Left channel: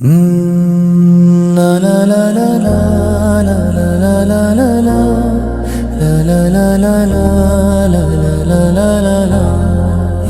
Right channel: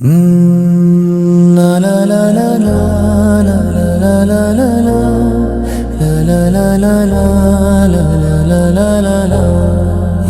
La la la la la la la la la la la la la la la la la la la la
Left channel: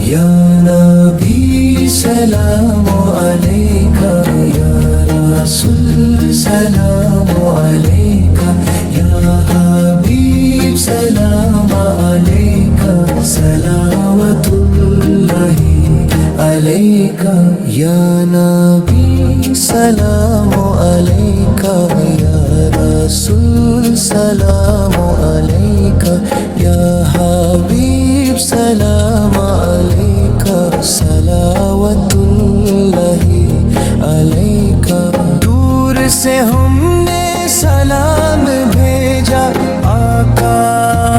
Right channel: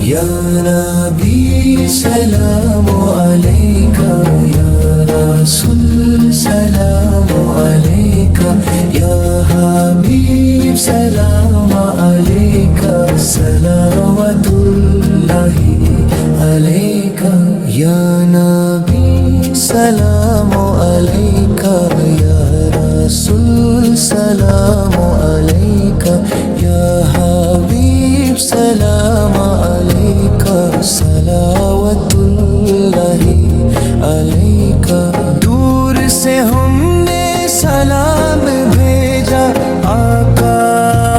Ya Nabi salamu alayka Ya Rasul salamu alayka Ya Habib salamu alayka salawatullahi alayka Ya Nabi salamu alayka Ya Rasul salamu alayka Ya Habib salamu alayka salawatullahi alayka दूर से हमने सलाम भेजा आका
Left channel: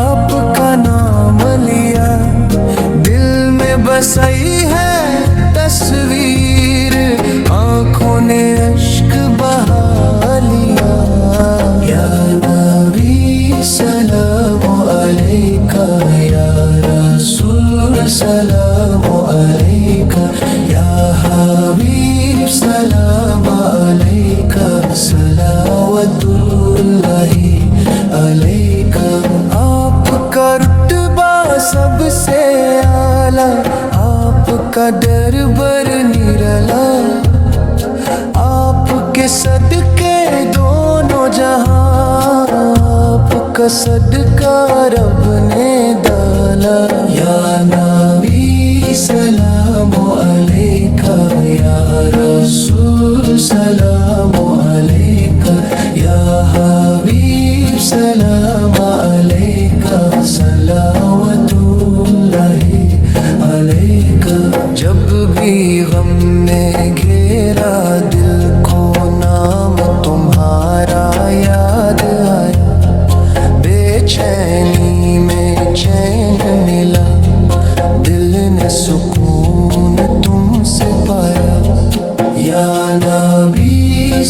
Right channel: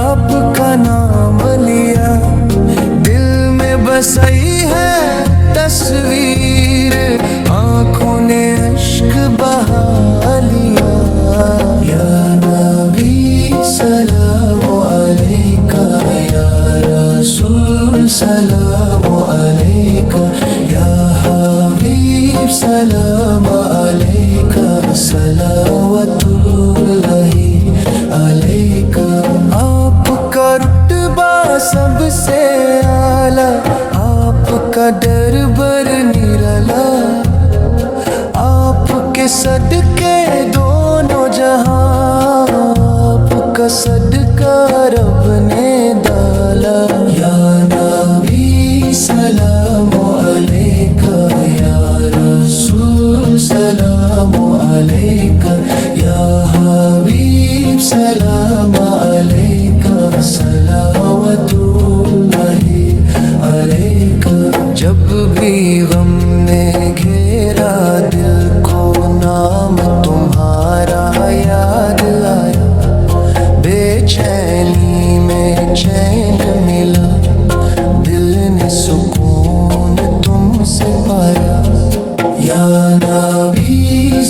आपका नाम लिया दिल में बसई है तस्वीर आँखों ने अश्क बहा लिया या नबी सलामु अलैका या रसूल सलामु अलैका या हबीब सलामु अलैका सलावतुल्लाहि अलैका आपका रुतबा सबसे आला आपका दरबार निराला आपके सदके दोनों जहां आपका सदका रब ने डाला या नबी सलामु अलैका या रसूल सलामु अलैका या हबीब सलामु अलैका सलावतुल्लाहि अलैका जब भी गम ने घेरा दिल को नाम तुम्हारा याद आया बेचैनी में चैन मिला दिल ने सुकून तुमसे पाया या नबी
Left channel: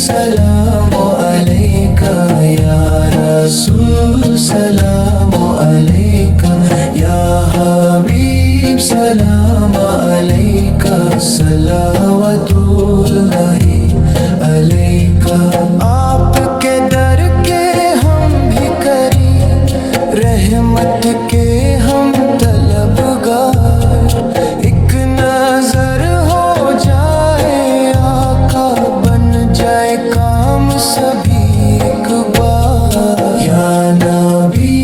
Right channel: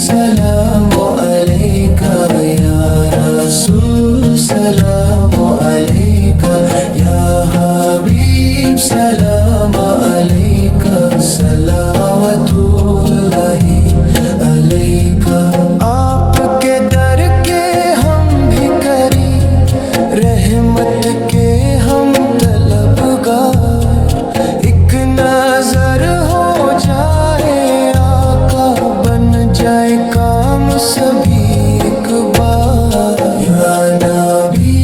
सलामु अलैका या रसूल सलामु अलैका या हबीब सलामु अलैका सलावतुल्लाहि अलैका आपके दर के हम भिखारी रहमत के हम तलबगार एक नजर हो जाए आका बन जाए काम सभी एक बार या नबी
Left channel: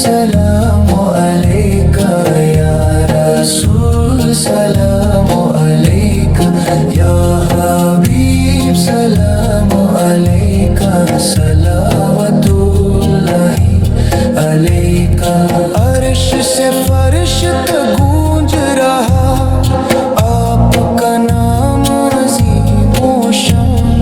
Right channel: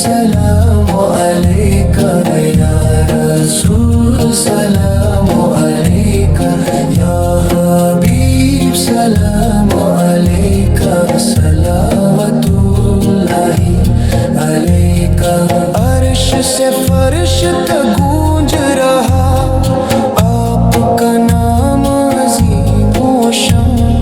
सलामु अलैका या रसूल सलामु अलैका या हबीब सलामु अलैका सलावतुल्लाहि अलैका अर्श से फर्श तक गूंज रहा आपका नाम अज़ीम व शान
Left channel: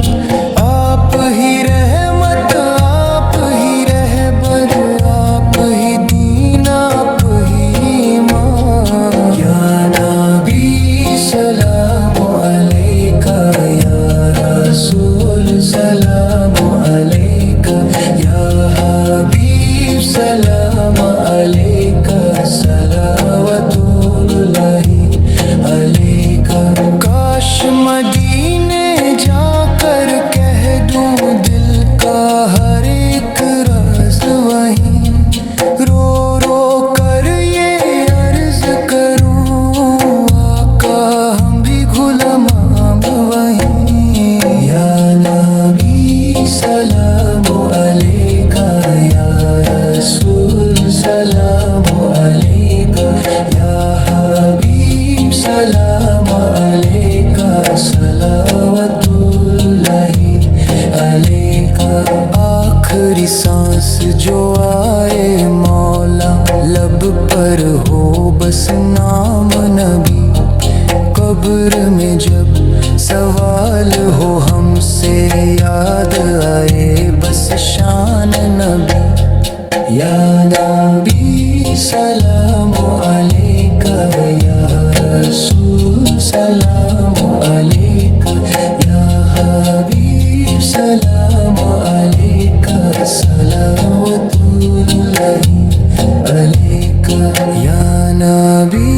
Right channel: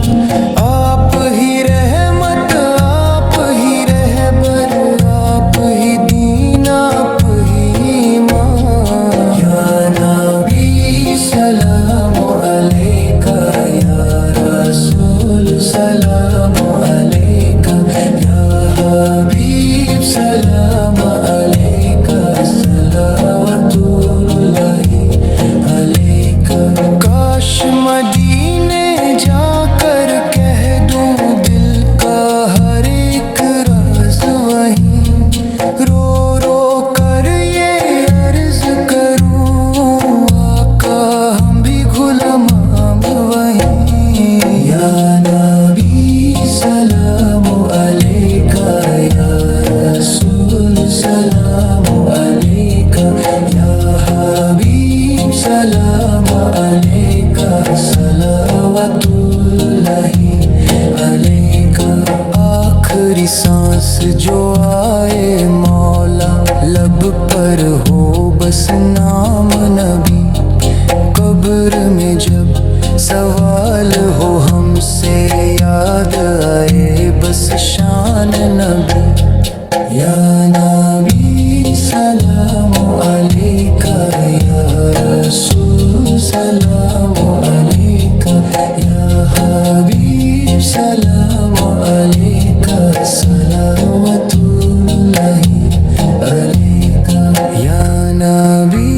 आप ही रहमत आप ही रहबर आप ही दीन आप ही ईमान या नबी सलामु अलैका या रसूल सलामु अलैका या हबीब सलामु अलैका सलावतुल्लाहि अलैका काश मदीने जाकर कह दूं दिल का हर एक राज वहीं रो रो कर ये अर्ज करूं आका हम भी गुलाम वहीं या नबी सलामु अलैका या रसूल सलामु अलैका या हबीब सलामु अलैका सलावतुल्लाहि अलैका आखिरी सांस जो आए मौला लब पर हो बस नाम नबी कब्र में जब सवाल हो हमसे याद आए बस शान नबी या नबी सलामु अलैका या रसूल सलामु अलैका या हबीब सलामु अलैका सलावतुल्लाहि अलैका या नबी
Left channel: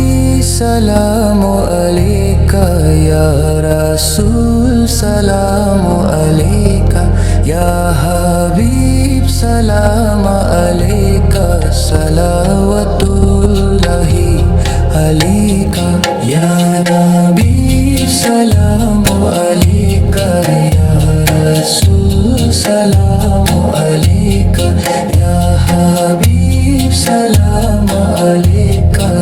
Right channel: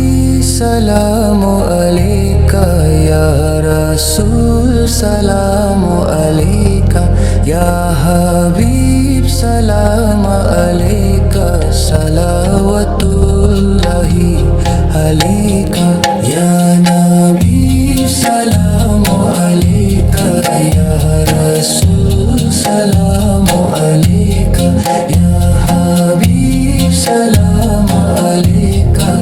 सलामु अलैका या रसूल سلام علیکہ یا حبیب سلام علیکہ صلوات اللہ علیکہ یا نبی سلام علیکہ یا رسول سلام علیکہ یا حبیب سلام علیکہ